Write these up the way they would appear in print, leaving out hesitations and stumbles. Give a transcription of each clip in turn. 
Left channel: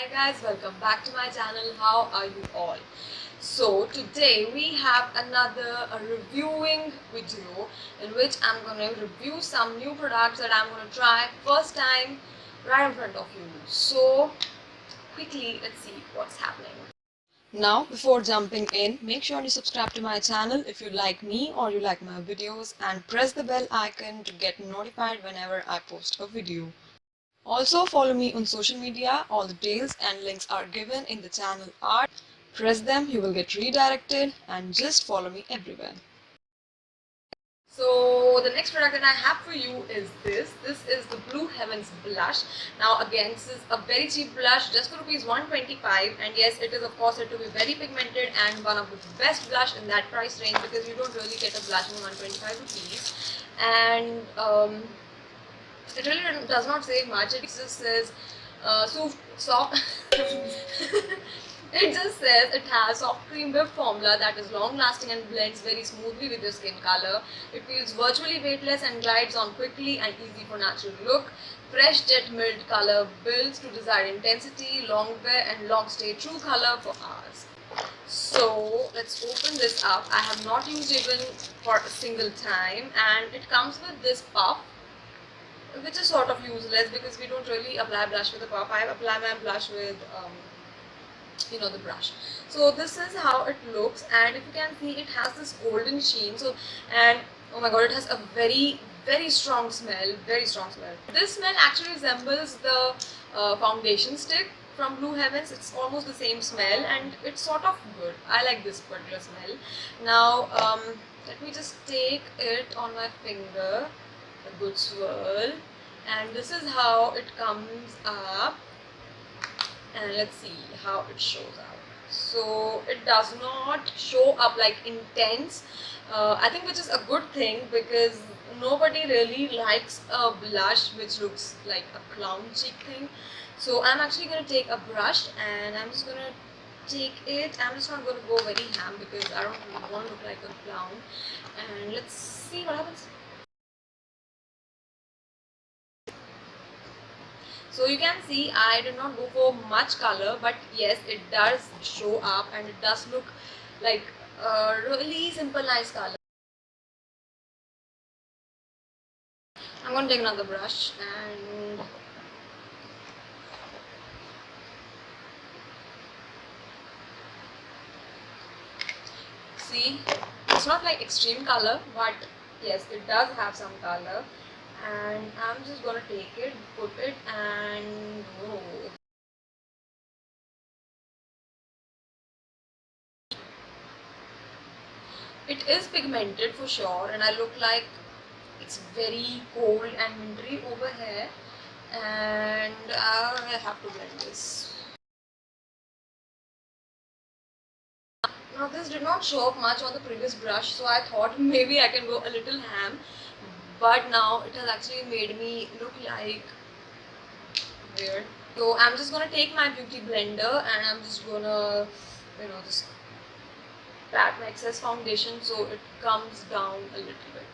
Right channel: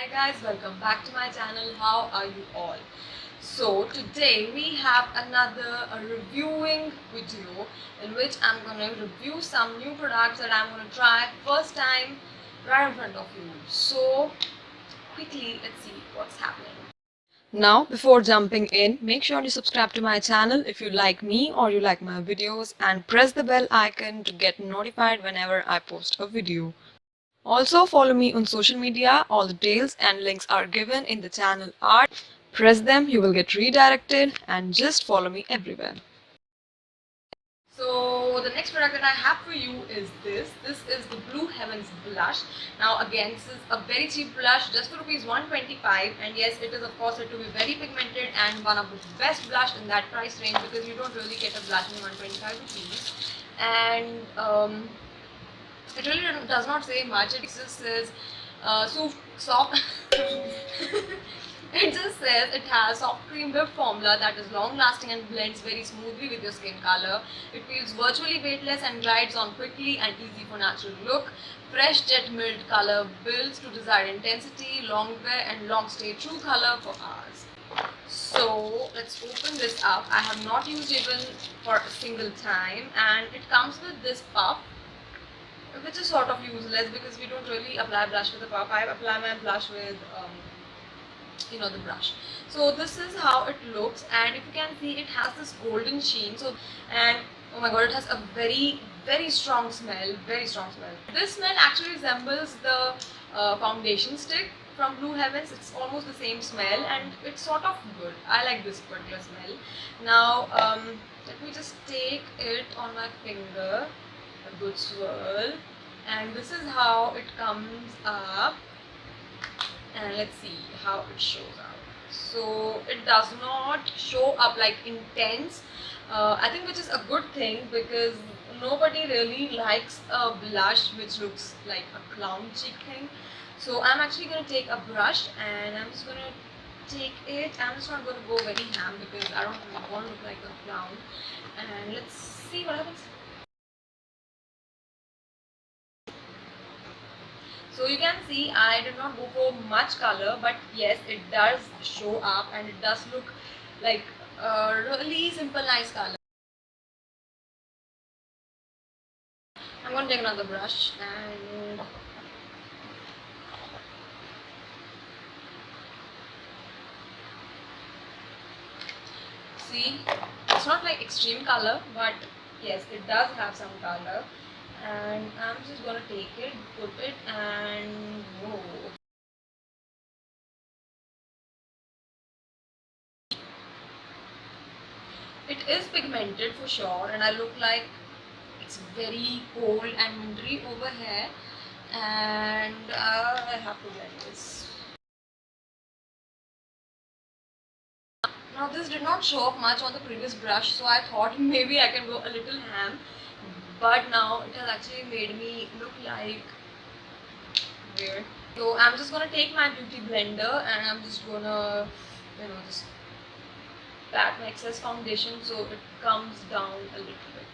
Hi guys, welcome back to my channel. How are you all? So today we have another reviewing video in which I'm gonna review some new products that I'm gonna try first time right in front of you. So quickly, let's see what's happening. Now, before jumping in, make sure you subscribe to my channel if you like me or you like my videos and press the bell icon to get notified whenever I post a video. Also follow me on social media, all the details and links are given in the channel art. Press them, you will get redirected and just follow me everywhere. So the next product that I have for you is this. This is the Blue Heavens blush. Now again, this is a very cheap blush, just for rupees 125, and yes, it is of course said to be very pigmented and one of the best blush in that price range because you don't really get a blush in 125 rupees. And it really does not say much. It just says soft. It just says it has soft cream whipped formula that is long lasting and blends very smoothly with your skin color. It feels virtually weightless and glides on quickly and easy for natural look. Fresh jet milled color builds to desired intensity, long wear and long stay true color for hours. So let's open this up. I have not used even for a single time, and it comes with this puff, which is sort of useless because we don't really apply blush with a puff. I apply my blush with the brush. So this is how it looks, and if you can see, it has this golden sheen. And oh my god, it has a very strong smell. Very strong smell. This smell actually resembles the foundation stick from Blue Heavens. It's almost the same smell and it's sort of good. I like this particular smell. Now let me just take it on my finger, a good swirl, and this is how it comes up, and let's see how it shows up. So it does not show up like intense, I think, which is a good thing because nobody really likes a blush which looks like a clown cheek thing. So I'm actually going to take a brush and I'm just going to take it. I'm just not going to go very ham because I don't want to look like a clown, and let's see what happens. So you can see I did not go for much color, but yes, it does show up and it does look like a really simple nice color. I'm going to take another brush and see, it's not like extreme color, but yes, it does have some color, and I'm just going to take it, put it, and whoa. It is pigmented for sure, and I look like it's very cold and wintry over here, and I have to blend this. Now this did not show up much on the previous brush, so I thought maybe I can go a little ham, but now it has actually made me look like weird. So I'm just gonna take my beauty blender and I'm just gonna, just pat my excess foundation so it comes down a little bit.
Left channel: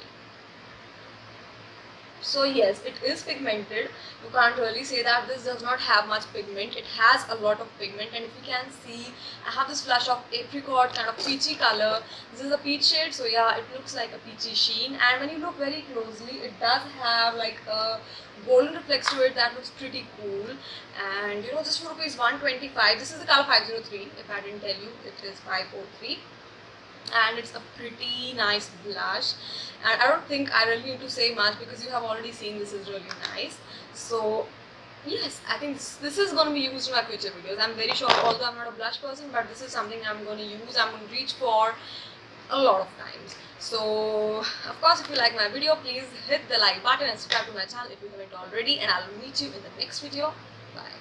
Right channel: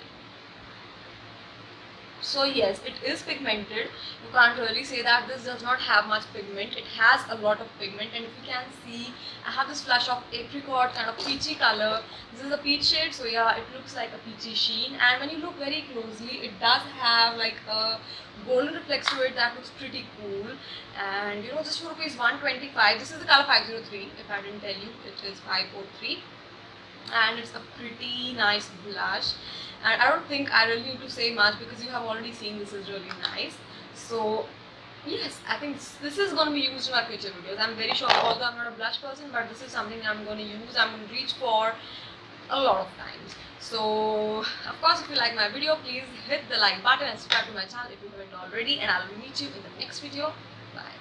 So yes, it is pigmented. You can't really say that this does not have much pigment. It has a lot of pigment, and if you can see, I have this flush of apricot kind of peachy color. This is a peach shade, so yeah, it looks like a peachy sheen, and when you look very closely, it does have like a golden reflex to it that looks pretty cool. And just for rupees 125, this is the color 503. If I didn't tell you, it is 503, and it's a pretty nice blush, and I don't think I really need to say much because you have already seen this is really nice. So yes, I think this is going to be used in my future videos. I'm very sure, although I'm not a blush person, but this is something I'm going to use, I'm going to reach for a lot of times. So of course, if you like my video, please hit the like button and subscribe to my channel if you haven't already, and I'll meet you in the next video. Bye.